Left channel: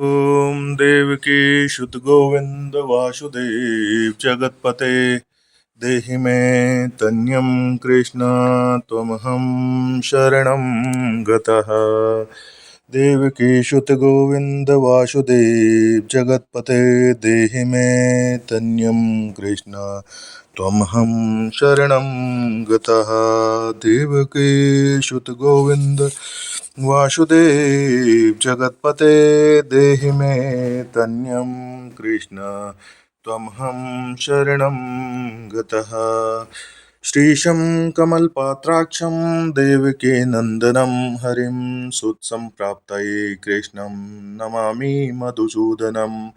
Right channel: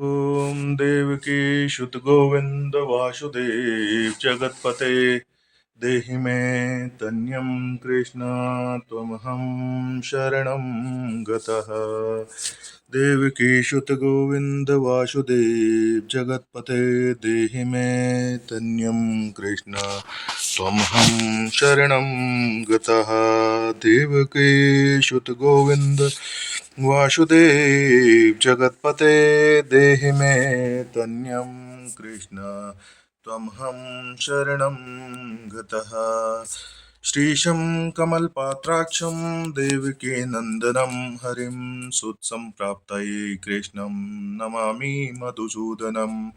ओम देवकी शुत गोविंद वासुदेव जगतपते देहि मे तन्यं कृष्ण त्वमहं शरणं गतः। देवकी शुत गोविंद वासुदेव जगतपते देहि मे तन्यं कृष्ण त्वमहं शरणं गतः। देवकी शुत गोविंद वासुदेव जगतपते देहि मे तन्यं कृष्ण त्वमहं शरणं गतः। श्रीशं कमलपात्राक्षं देवकी नन्दनं हरिं सुत्सम्प्राप्तये कृष्णं नमामि मधुसूदनं।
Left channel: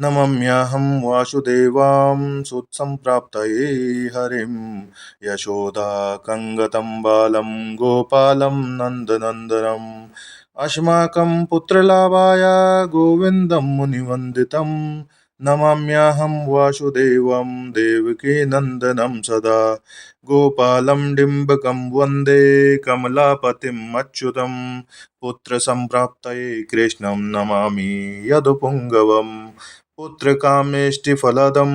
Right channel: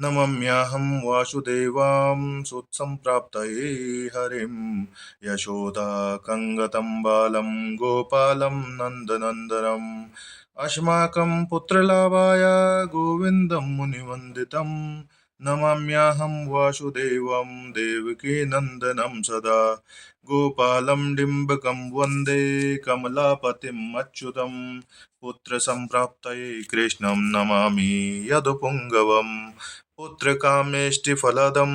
नमम्याहं वासुदेवां सुत्सम्प्राप्तये हरिं यशोदाकङ्गतं बालं गोपालं नन्दनन्दनम् अस्माकं पुत्रलाभाय गोविन्दं मुनिवन्दितं। नमाम्याहं वासुदेवं देवकीनन्दनं सदा। गोपालं डिम्बकं वन्दे कमलापतिम् अच्युतं। पुत्रसम्प्राप्तये कृष्णं नमामि यदुपुङ्गवम्। पुत्रकामेष्टिफलदं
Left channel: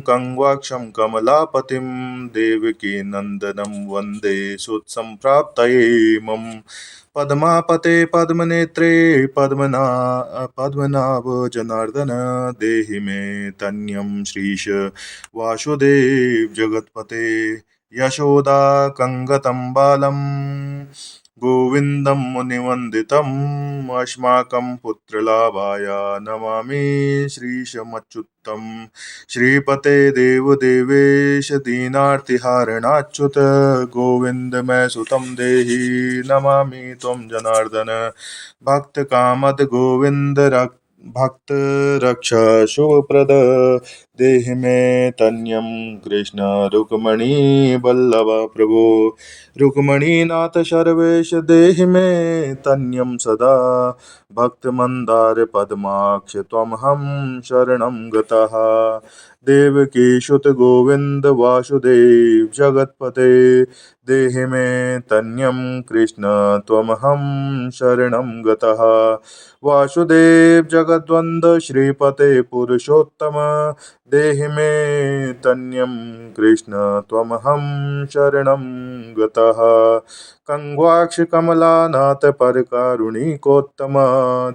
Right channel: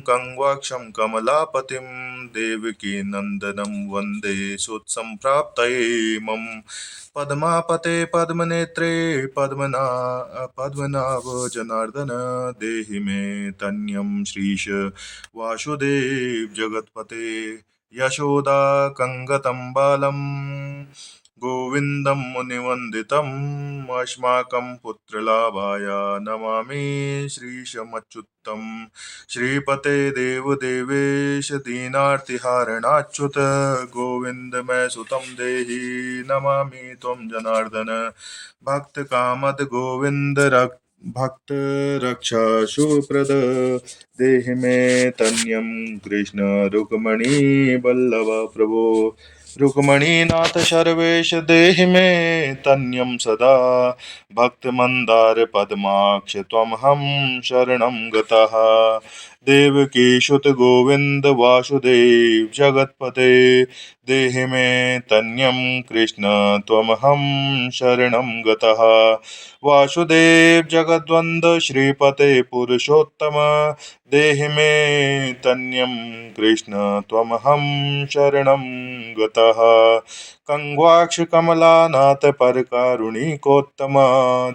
कङ्वाक्षं कमलापतिं देवकीनन्दनं वन्दे सुत्सम्प्राप्तये मम। पद्मापते पद्मनेत्रे पद्मनाभ जनार्दन देहि मे तन्यं श्रीश वासुदेव जगतपते। यशोदा कंगतं बालं गोविन्दं मुनिवन्दितम्। अस्माकं पुत्रलाभाय नमामि श्रीशमच्युतं। श्रीपते देवदेवेश दीनार्तिहारणाच्युत गोविन्द मैं सुतं देहि नमामि त्वं जनार्दन। भक्तकामद गोविन्द भक्त रक्षा शुभप्रद देहि मे तन्यं कृष्ण रुक्मणी बल्लभ प्रभो। रुक्मणीनाथ सर्वेश देहि मे तन्यं सदा। भक्तमन्दार पद्माक्ष त्वमहं शरणं गतः। देवकी शुत गोविंद वासुदेव जगतपते देहि मे तन्यं कृष्ण त्वमहं शरणं गतः। वासुदेव जगद्वन्द श्रीपते पुरुषोत्तम देहि मे तन्यं कृष्ण त्वमहं शरणं गतः। कंग्वाक्ष कमलानाथ परकारुणिकोत्तम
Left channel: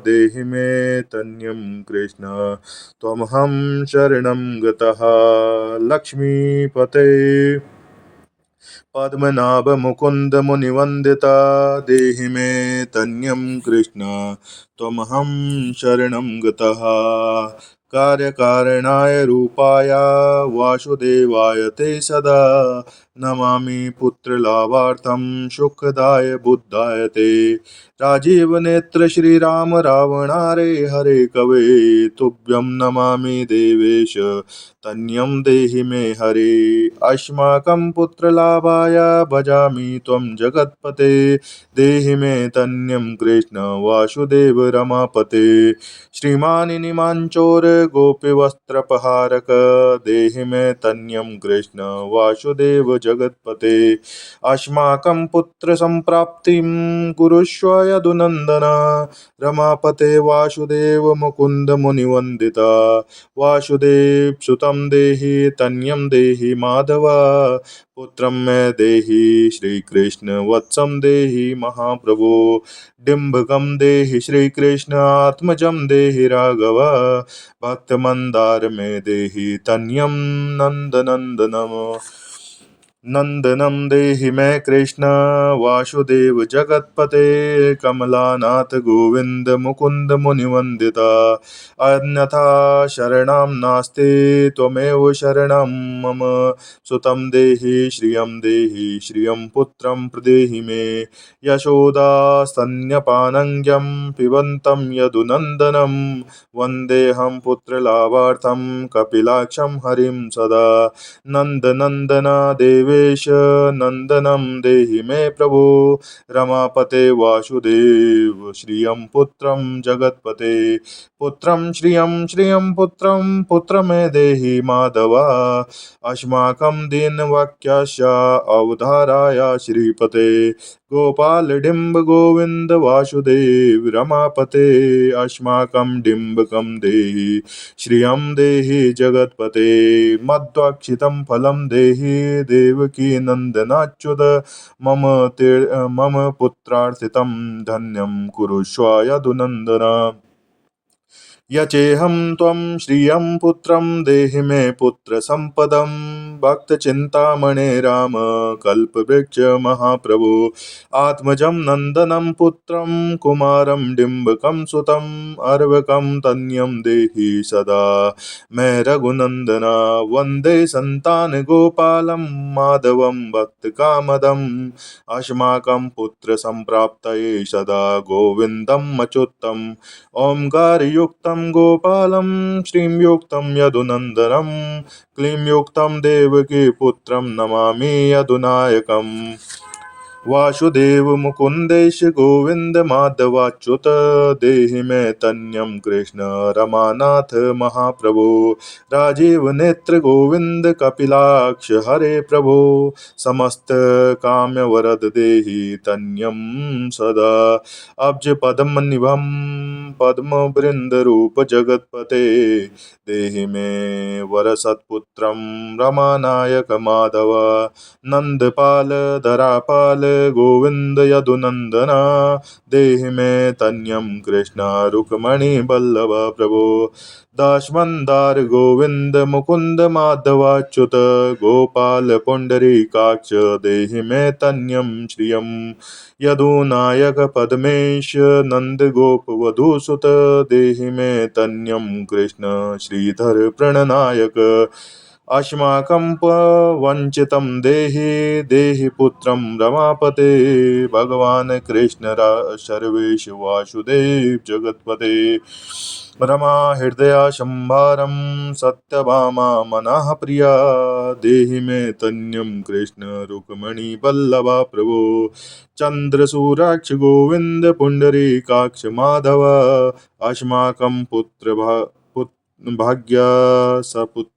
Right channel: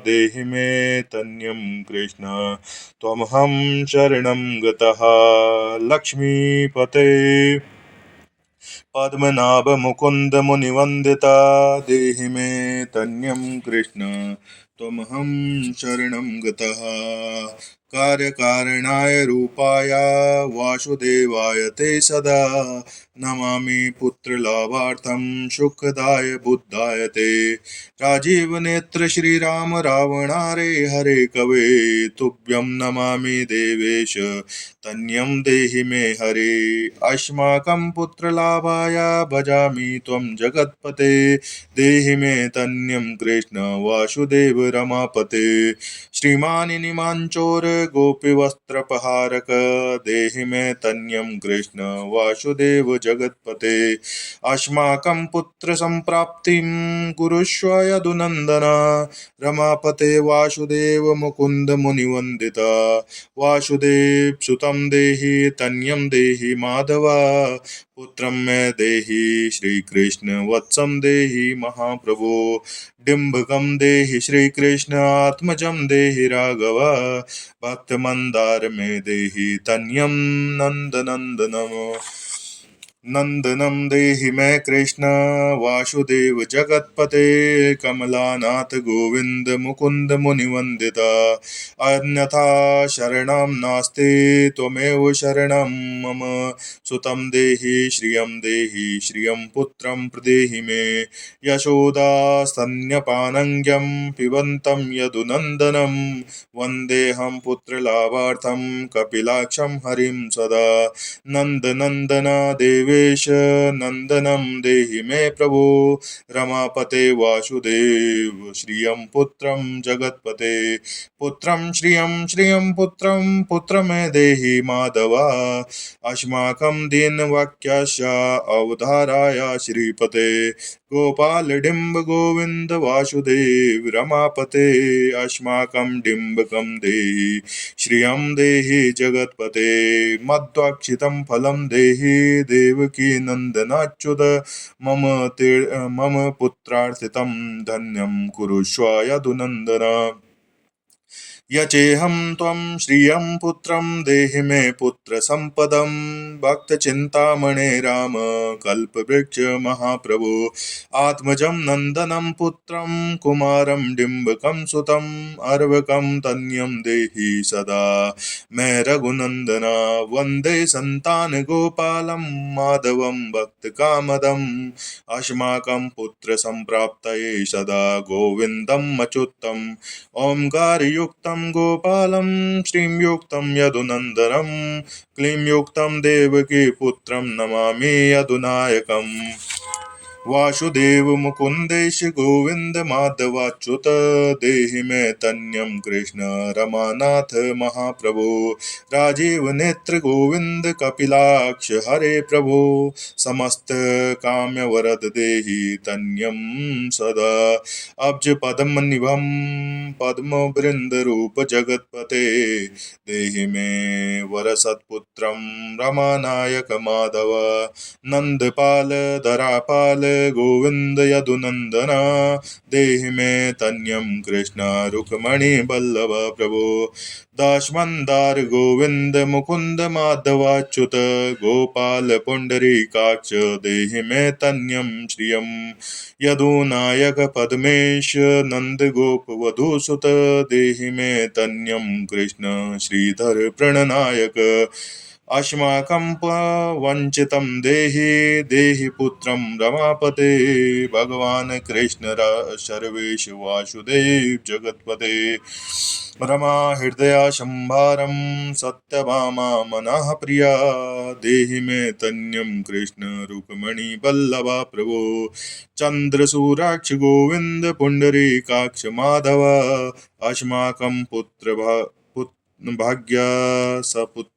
देहि मे तन्यं कृष्ण त्वमहं शरणं गतः। लक्ष्मीपते पद्मनाभ मुकुंद मुनिवंदिता देहि मे तन्यं कृष्ण त्वमहं शरणं गतः। कार्यकारणाय रूपाय वासुदेवाय ते सदा। नमामि पुत्रलाभार्थं सुखदाय बुद्धाय ते। राजीव नेत्र श्रीराम रावणारे हरे कवे तुभ्यं नमामि देवेश तन्यं देहि मे हरे। अस्माकं पुत्रलाभाय भजामि त्वं जगत्पते देहि मे तन्यं कृष्ण वासुदेव रमापते। श्रीमानिनि माञ्चोर गोपीवस्त्रपहारक देहि मे तन्यं कृष्ण वासुदेव जगत्पते। अस्माकं पुत्रसम्प्राप्तिं कुरुष्व यदुनन्दन। रमापते वासुदेव मुकुन्द मुनिवन्दिता। वासुदेव सुतं देहि तन्यं देहि माधव। पुत्रं मे देहि श्रीकृष्ण वत्सं देहि महाप्रभो। डिम्बकं देहि श्रीकृष्ण आत्मजं देहि राघव। भक्तमन्दार मे देहि तन्यं नन्दनन्दनम्। नंदनम देहि मैं कृष्ण वासुदेव जगतपते। कमलानाथ गोविंद मुकुंद मुनिवंदिता। अन्यथा शरणं नास्ति त्वमेव शरणं मम। सुतं देहि श्रियं पुत्रं प्रदेहि मे। यशोदा स्तन्यपानंग्यं पिबन्तं यदुनन्दनं। वन्देऽहं पुत्रलाभार्थं कपिलाक्षं हरिं सदा। नन्दनन्दन देवेश देवेश नंदनम देहि मे प्रभो रमापते वासुदेव श्रियं पुत्रं जगत्पते पुत्रं श्रियं पुत्रं पुत्र मे देहि माधवा अस्माकं दीनवाक्यस्य अवधाराय श्रीपते गोपाल डिंब गोविंद वासुदेव रमापते अस्माकं डिंबकं देहि श्रियं देहि जगत्पते मध्वाक्षितं फलं देहि देवकी नंदनाच्युत मम पुत्रार्थितं धन्यं कुरुष्व यदुनन्दन यचेहं त्वं श्रियं पुत्रं देहि मे पुत्रसम्पदं भक्तचिन्तामणे राम कल्पवृक्ष महाप्रभो आत्मजं नन्दनं पुत्रं कुमारं डिम्बकं सुतं अर्वकं तन्यं देहि सदा मे रघुनन्दना वन्दे सन्तानगोपालं माधवं भक्तकामदम् अस्माकं पुत्रसम्प्राप्तये सदा गोविन्दम् अच्युतम् ओंकारयुक्तं गोपालं श्रीं यदुनन्दनं क्लीं युक्तं देवकी पुत्रं नमामि यदुनायकम् वासुदेव मुकुंदेश गोविंद माधवाच्युत देहि मे तन्यं कृष्ण रमानाथ महाप्रभो राजीव नेत्र गोविंद कपिलाक्ष हरे प्रभो समस्त काम्य वरद देहि तन्यं सदा अब्ज पद्म निभम पद्म वृंद रूप जगत्पते देहि मे वर सत्पुत्रं रमानायक माधव नंदपाल धरापाल गोविंद यदुनंदना देहि मे तन्यं कृष्ण रुक्मणी बल्लभ प्रभो दासमंदार गोविंद मुकुंद माधवाच्युत गोपाल पुंडरीकाक्ष देहि मे तन्यं श्रियं यदुनायक पद्मेश नंद गोप वधूसुत देहि मे तन्यं कृष्ण श्रीधर प्रणनायक अस्माकं वंचितं देहि पुत्रं रमापते भगवान कृष्ण सर्वेश वासुदेव जगत्पते रमा हृदया शंभारं सत्यभामा मनः प्रिया देहि मे तन्यं कृष्ण रुक्मणी बल्लभा प्रभो चंद्रसूराक्ष गोविंद पुंडरीकाक्ष माधव अस्माकं भाग्या सपुत्र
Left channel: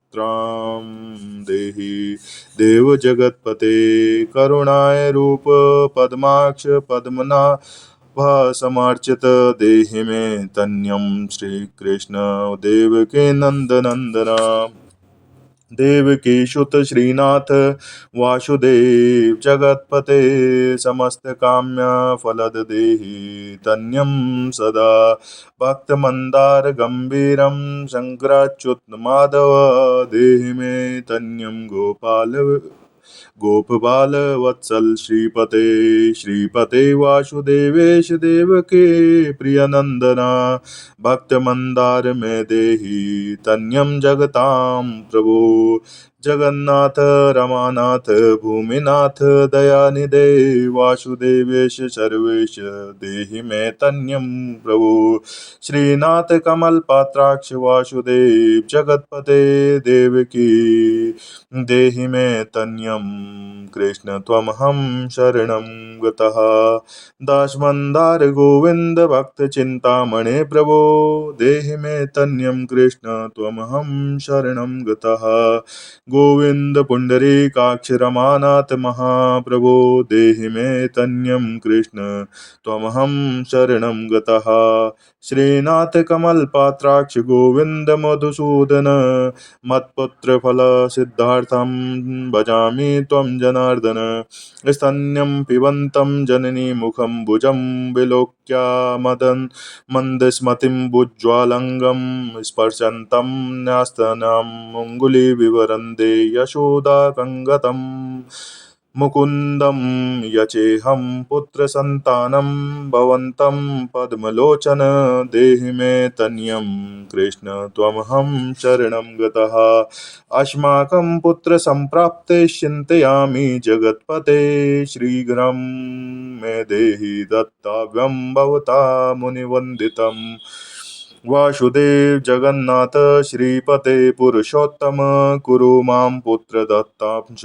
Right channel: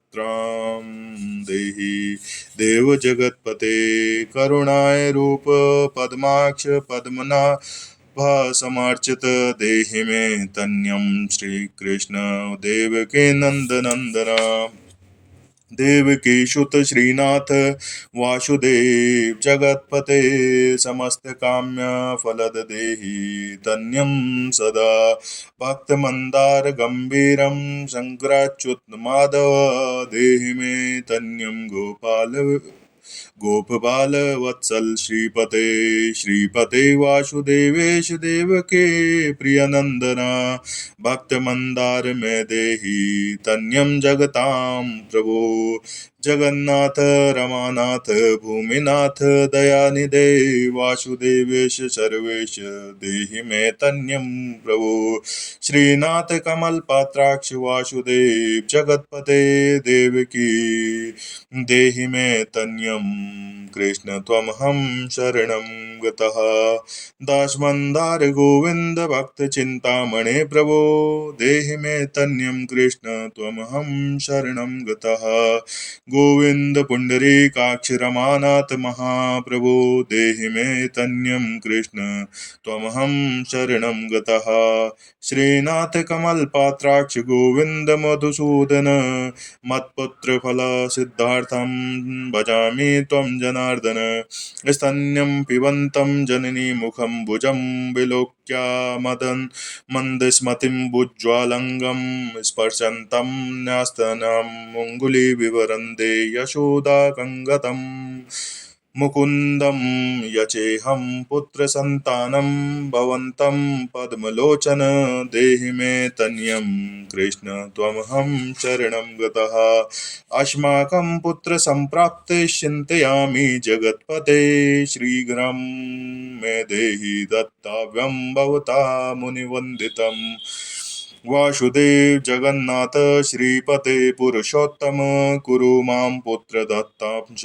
देहि देव जगत्पते करुणाय रूप पद्माक्ष पद्मनाभा समार्चित देहि मे तन्यं श्री कृष्ण देवकी नंदनंदना देवकी सुत श्रीनाथ वासुदेव जगत्पते समस्त काम्य फलद देहि तन्यं सदा भक्त मंदार गंभीरं शंकराच्युत माधव देहि मे तन्यं गोपबाल वत्सल श्रीपते वासुदेवेश देवके प्रियनंदना भक्त मंदार में देहि तन्यं जगतां प्रभो जगन्नाथ रमानाथ भूमिनाथ दयानिधे वासुदेवेश सर्वेश देहि मे तन्यं प्रभो श्रीनाथ कमल पात्राक्ष वासुदेव जगत्पते देवकी देहि मे तन्यं कृष्ण त्वमहं शरणं गतः दासमंदार गोविंद भक्त चिंतामणे प्रभो देहि मे तन्यं कृष्ण त्वमहं शरणं गतः गोविंद पुंडरीकाक्ष रमानाथ महाप्रभो देहि मे तन्यं कृष्ण त्वमहं शरणं गतः श्रीनाथ कमल पात्राक्ष गोविंद मधुसूदन मत्पुत्र फल सिद्धार्थं भजामि त्वं जनार्दन स्तन्यं पिबन्तं जननी मुखं भुजं विलोक्य मंदस्मतिं भुज्ज्वालंगं स्पर्शन्तं न्यस्तनम् अङ्गुलिविवरन्दे यशोदाकङ्गतं मुकुन्दं यचेहं पुत्रसन्तानं भवन्तं पद्मलोचन देहि मे तन्यं कृष्ण त्वमहं शरणं गतः अस्माकं पुत्रसम्प्राप्ते चिन्तयामि जगत्पते शीघ्रं मे देहि दत्तव्यं भवता मुनिवन्दितम् वासुदेव जगन्नाथ श्रीपते पुरुषोत्तम कुरु मां पुत्र दत्तां च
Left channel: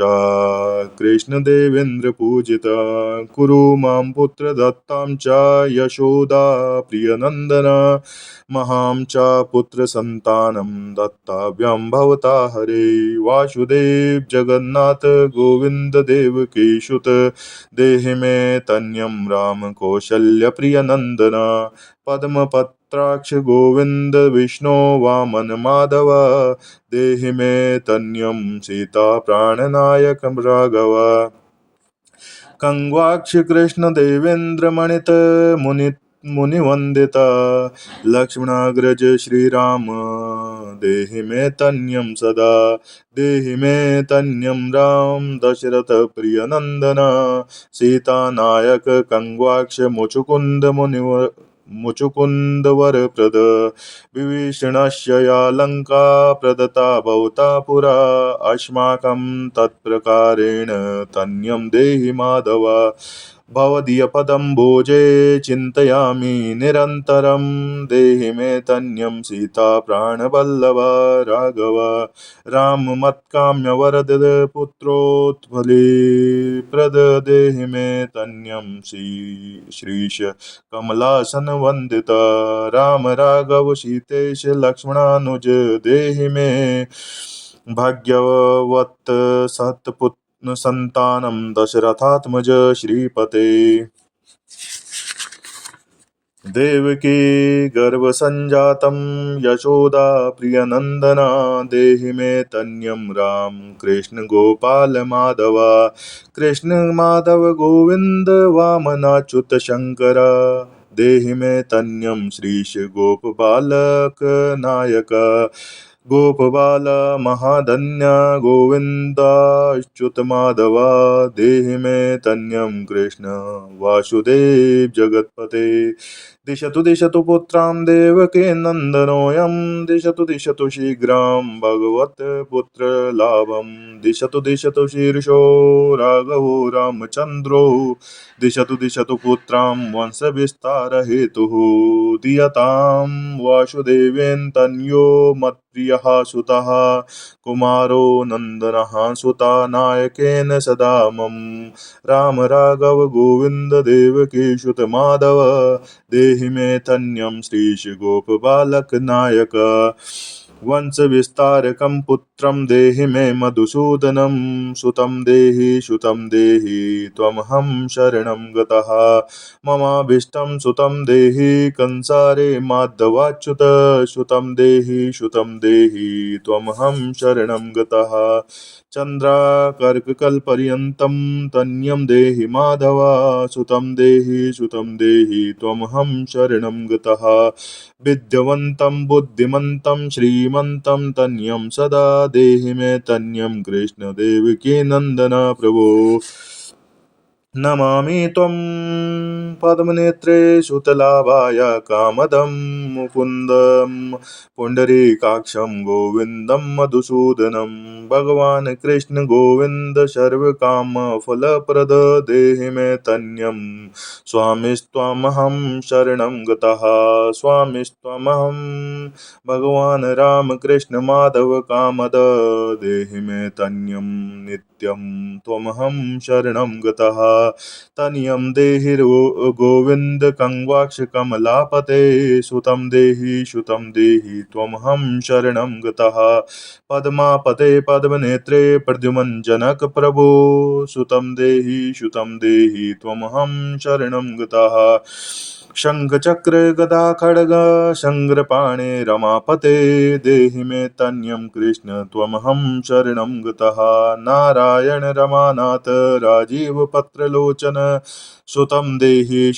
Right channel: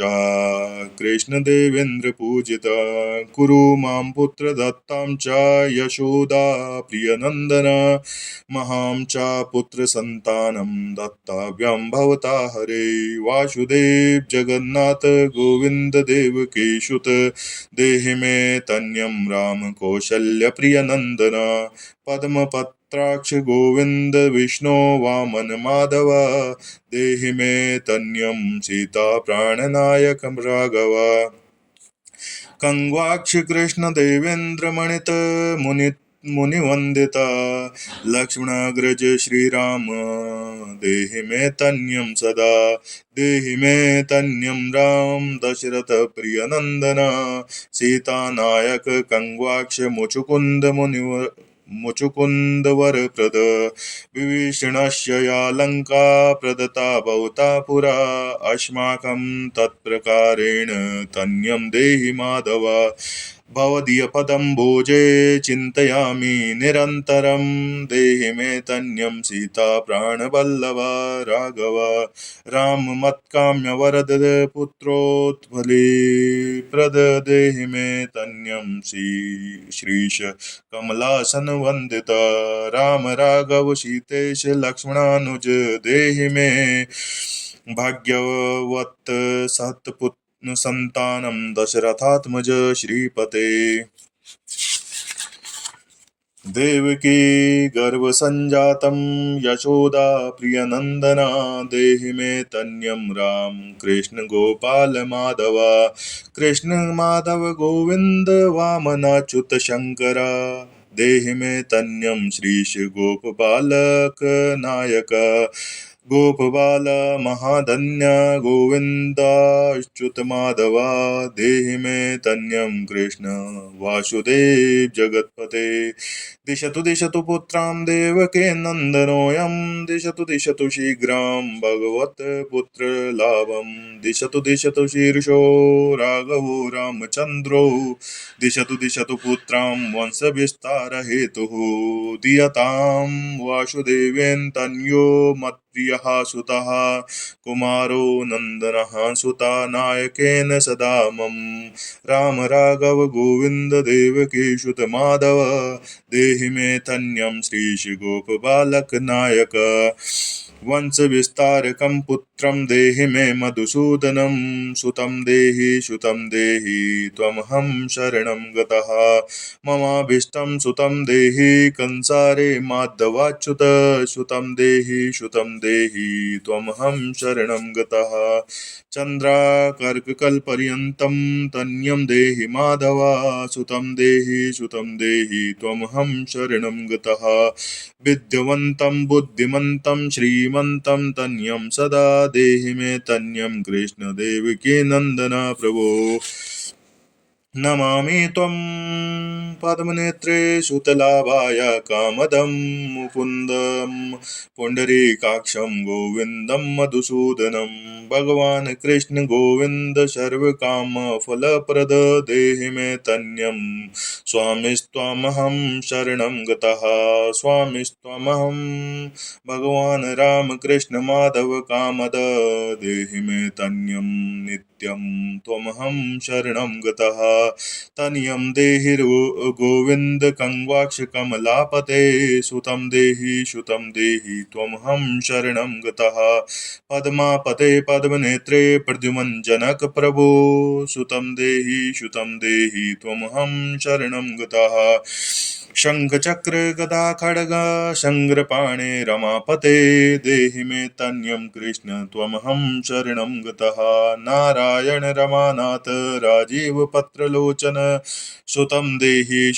कृष्ण देवेन्द्र पूजिता कुरु मां पुत्र दत्तां च यशोदा प्रियनन्दन महां च पुत्र संतानं दत्ताभ्यं भवता हरे वासुदेव जगन्नाथ गोविंद देवकीसुत देहि मे तन्यं राम कौशल्य प्रियनन्दन पद्मपत्राक्ष गोविंद विष्णु वामन माधव देहि मे तन्यं सीता प्राणनायक राघव कंगवाक्ष कृष्ण देवेंद्र मणित मुनिवंदिता लक्ष्मणाग्रज श्रीराम देहि मे तन्यं सदा देहि मे तन्यं राम दशरथ प्रियनंदन सीता नायक कंगवाक्ष मुचुकुंद मुचुकुंद वरप्रद विभीषणस्य या लंका प्रदत्ता भवता पुरा अस्माकं तत्प्रकारेण तन्यं देहि माधव भवदीयपदं भोजे चिन्तयामि निरन्तरं देहि मे तन्यं सीता प्राणवल्लभ राघव राम मत्काम्य वरद पुत्रोत्फली प्रद देहि मे तन्यं श्रीश कमलासन वंदित राम राघव सीतेश लक्ष्मणानुज देहि मे भाग्यवत सत्पुत्र संतानं दशरथात्मज श्रीपते देवकी गर्भसंजातं यशोदा प्रियनन्दना देहि मे तन्यं राम कृष्ण गोपाल माधव कृष्ण माधव गोविंद वामनाच्युत शंकर देहि मे तन्यं श्रीश गोपबालक नायक गोपबाल महाधन्य गोविंदाच्युत माधव देहि मे तन्यं कृष्ण वासुदेव जगत्पते दिशतु पुत्रां देवके नन्दनोऽयं दिशतु शीघ्रं भगवत् पुत्रलाभं दिशतु शीर्षो राघवो रामचन्द्रो दिशतु पुत्रां वंशविस्तारहेतुः दीयतां वासुदेवेन तनयो मत्प्रियः सुतः कुमारो नन्दनः सुता नायकेन सदा मम राम राघव गोविंद देवकीसुत माधव देहि मे तन्यं श्रीश गोपबालक नायक वंश विस्तारकं पुत्रं देहि मे मधुसूदनं सुतं देहि त्वमहं शरणं गतः ममाभीष्टं सुतं देहि कंसारे माधवाच्युत सुतं देहि त्वमहं शरणं गतः चन्द्राकर्ककल्पर्यन्तं तन्यं देहि माधव सुतं देहि त्वमहं शरणं गतः विद्यावन्तं बुद्धिमन्तं श्रीमन्तं तन्यं सदा देहि मे तन्यं कृष्ण देवकी नन्दन प्रभो नमामि त्वं पद्मनेत्रे सुतलाभाय कामदं मुकुन्दं पुण्डरीकाक्षं गोविन्दं मधुसूदनं भगवान् कृष्ण गोविन्द सर्वकामफलप्रद देहि मे तन्यं स्वामिस्त्वमहं शरणं गतः स्वामिस्त्वमहं भगवान् राम कृष्ण माधव कामद देहि मे तन्यं नित्यं त्वमहं शरणं गतः तनियं देहि गोविंद कंवाक्ष कमलापते सुतं देहि त्वमहं शरणं गतः पद्मापते पद्मनेत्रे प्रद्युमन जनक प्रभो सुतं देहि त्वमहं शरणं गतः शंख चक्र गदा खड्ग शङ्ग्रपाणे रमापते देहि मे तन्यं कृष्ण त्वमहं शरणं गतः नारायण रमानाथ राजीव पत्रलोचन सुतं देहि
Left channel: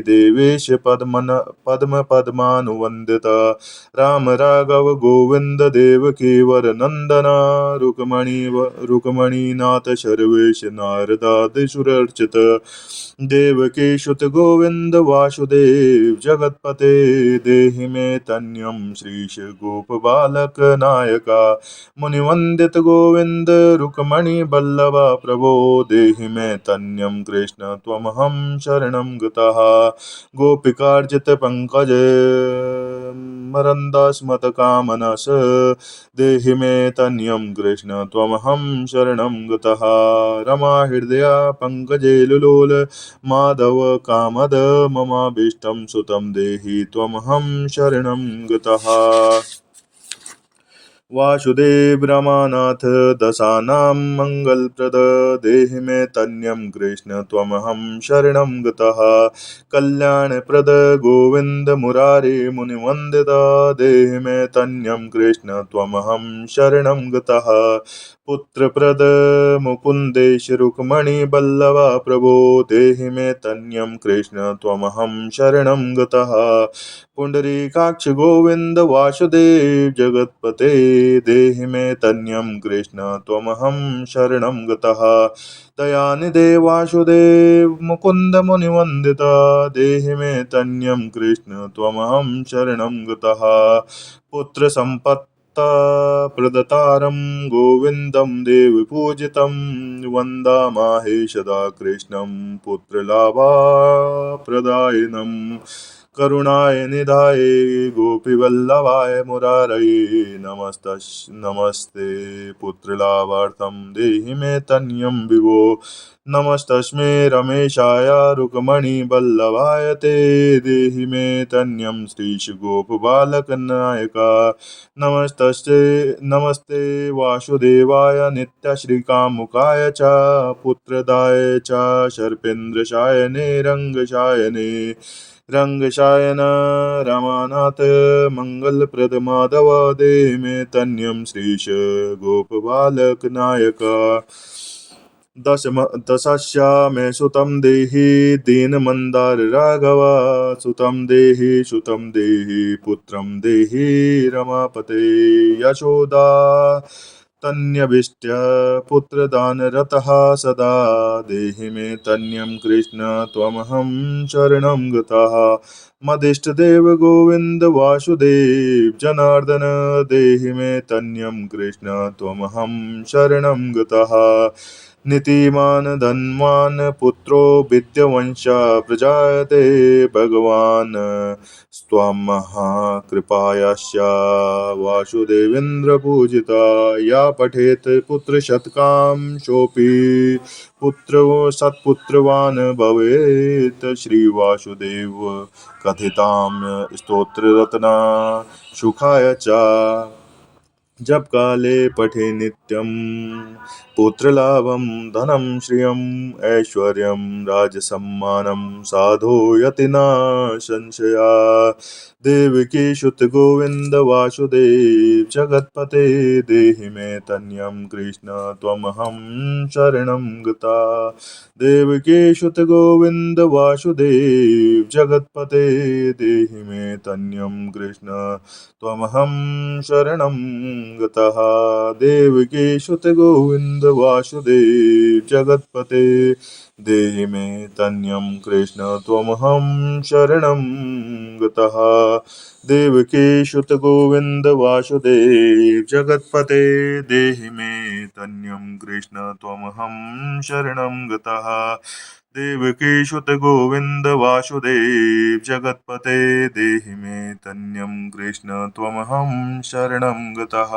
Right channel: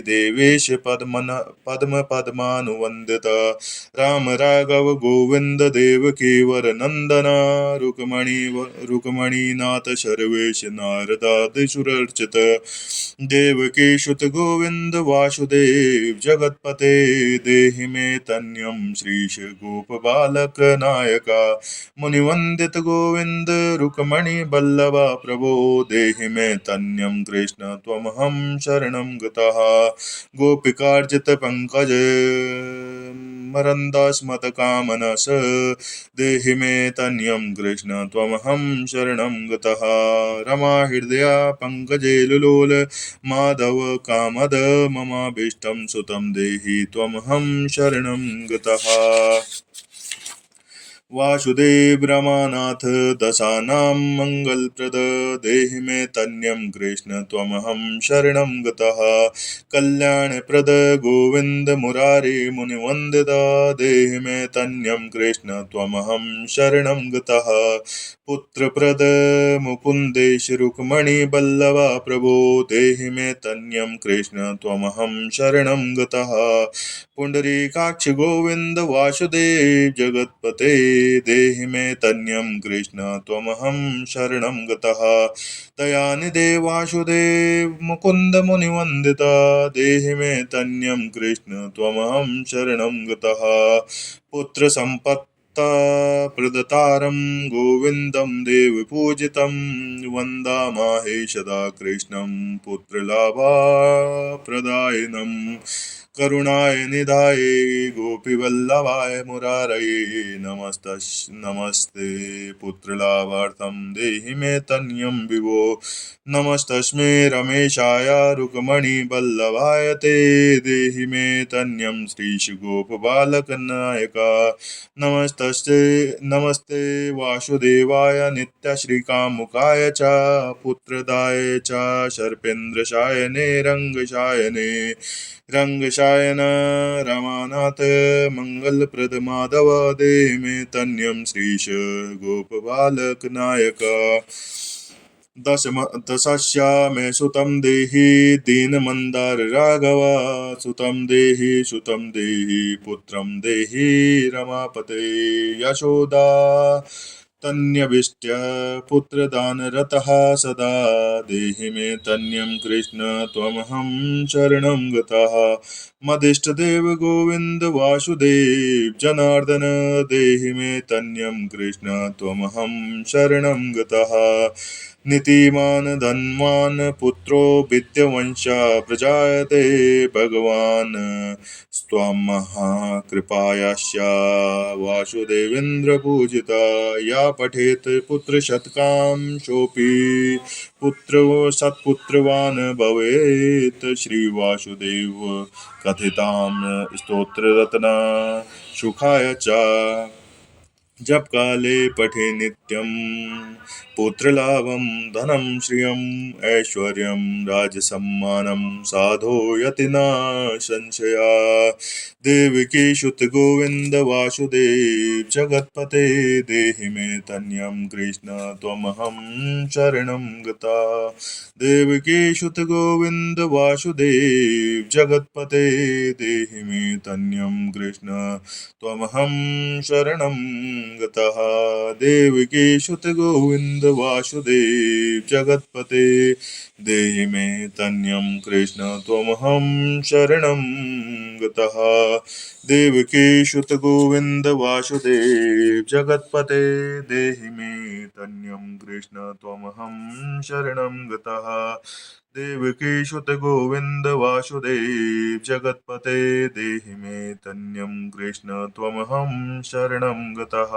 देवेश पद्म पद्मानुवन्दित राम राघव गोविंद देवकी वर नंदन रुक्मणीनाथ सर्वेश नारदादिसुरर्चित देवकी सुत गोविंद वासुदेव जगतपते देहि मे तन्यम श्रीश गोप बालक नायका मुनिवंदित गोविंद रुक्मणि बल्लभा प्रभो देहि मे तन्यम कृष्ण त्वमहं शरणं गतः गोपिकार्जित पंकज मरंदास्मत कामनस देहि मे तन्यं कृष्ण त्वमहं शरणं गतः रमा हृदया पंकजे लुलोल माधव कामद ममाभीष्टं सुतं देहि त्वमहं शरणं गतः वासुदेव रमानाथ दशानां मङ्गलप्रद देहि मे तन्यं कृष्ण त्वमहं शरणं गतः कल्याणप्रद गोविन्द मुरारे मुनिवन्दिता देहि मे तन्यं कृष्ण त्वमहं शरणं गतः पुत्रप्रद मुकुन्देश रुक्मणि बल्लभा प्रभो देहि मे तन्यं कृष्ण त्वमहं शरणं गतः पुंडरीकाक्ष गोविंद वासुदेव जगतपते देहि मे तन्यं कृष्ण त्वमहं शरणं गतः दयानिधे वासुदेव मुकुन्द मुनिवन्दिता देहि मे तन्यं कृष्ण त्वमहं शरणं गतः पुत्र संपत्ता प्रदतारं गोविन्दं देवपूजितं वन्दामहे सदा कृष्णं पुत्रलाभाप्रदायिनम् करुणाय निधाय गोपीवल्लभाय मुरारये नमस्ते पुत्रलाभार्थं देहि मे तन्यं विभो नमस्तस्मै रमेशाय रुक्मणि वल्लभाय ते देहि मे तन्यं श्रीशुगोपबालकनायका नमस्ते वासुदेवाय नित्यश्रीकामुकाय च पुत्रदाय च सर्पेन्द्रशायने रङ्गशायने रंगशायन रमानाथ मंगलप्रद माधव देहि मे तन्यं श्रीश गोपबालक नायक दशस्या मे सुतं देहि दीनमन्दार राघव सुतं देहि पुत्रं देहि रमापते यशोदा तन्यभिष्ट्य पुत्रदानरतः सदा देहि मे तन्यं कृष्ण त्वमहं शरणं गतः मदिष्टदेव गोविन्द वासुदेव जनार्दन देहि मे तन्यं कृष्ण त्वमहं शरणं गतः नीतिमान् धनवान् पुत्रो विद्यवंशा प्रजायते भगवान् स्वां महाकृपायास्य वासुदेवेन्द्रपूजिता या पठेत् पुत्रशतकां सोऽपि पुत्र सत्पुत्रवान् भवेत् श्रीवासुदेव कथितां स्तोत्ररत्ना सुखाय च जब काले पठे नित्यं पुत्रलाभं धनं श्रियम् ऐश्वर्यं राजसम्मानं साधो यति न संशया देवकी सुत गोविंद वासुदेव जगतपते देहि मे तन्यं कृष्ण त्वमहं शरणं गता देवकी सुत गोविंद वासुदेव जगतपते देहि मे तन्यं कृष्ण त्वमहं शरणं गतः देवकी सुत गोविंद वासुदेव जगतपते देहि मे तन्यं कृष्ण त्वमहं शरणं गतः देवकी सुत गोविंद वासुदेव जगतपते देहि मे तन्यं कृष्ण त्वमहं शरणं गतः देवकी सुत गोविंद वासुदेव जगतपते देहि मे तन्यं कृष्ण त्वमहं शरणं गतः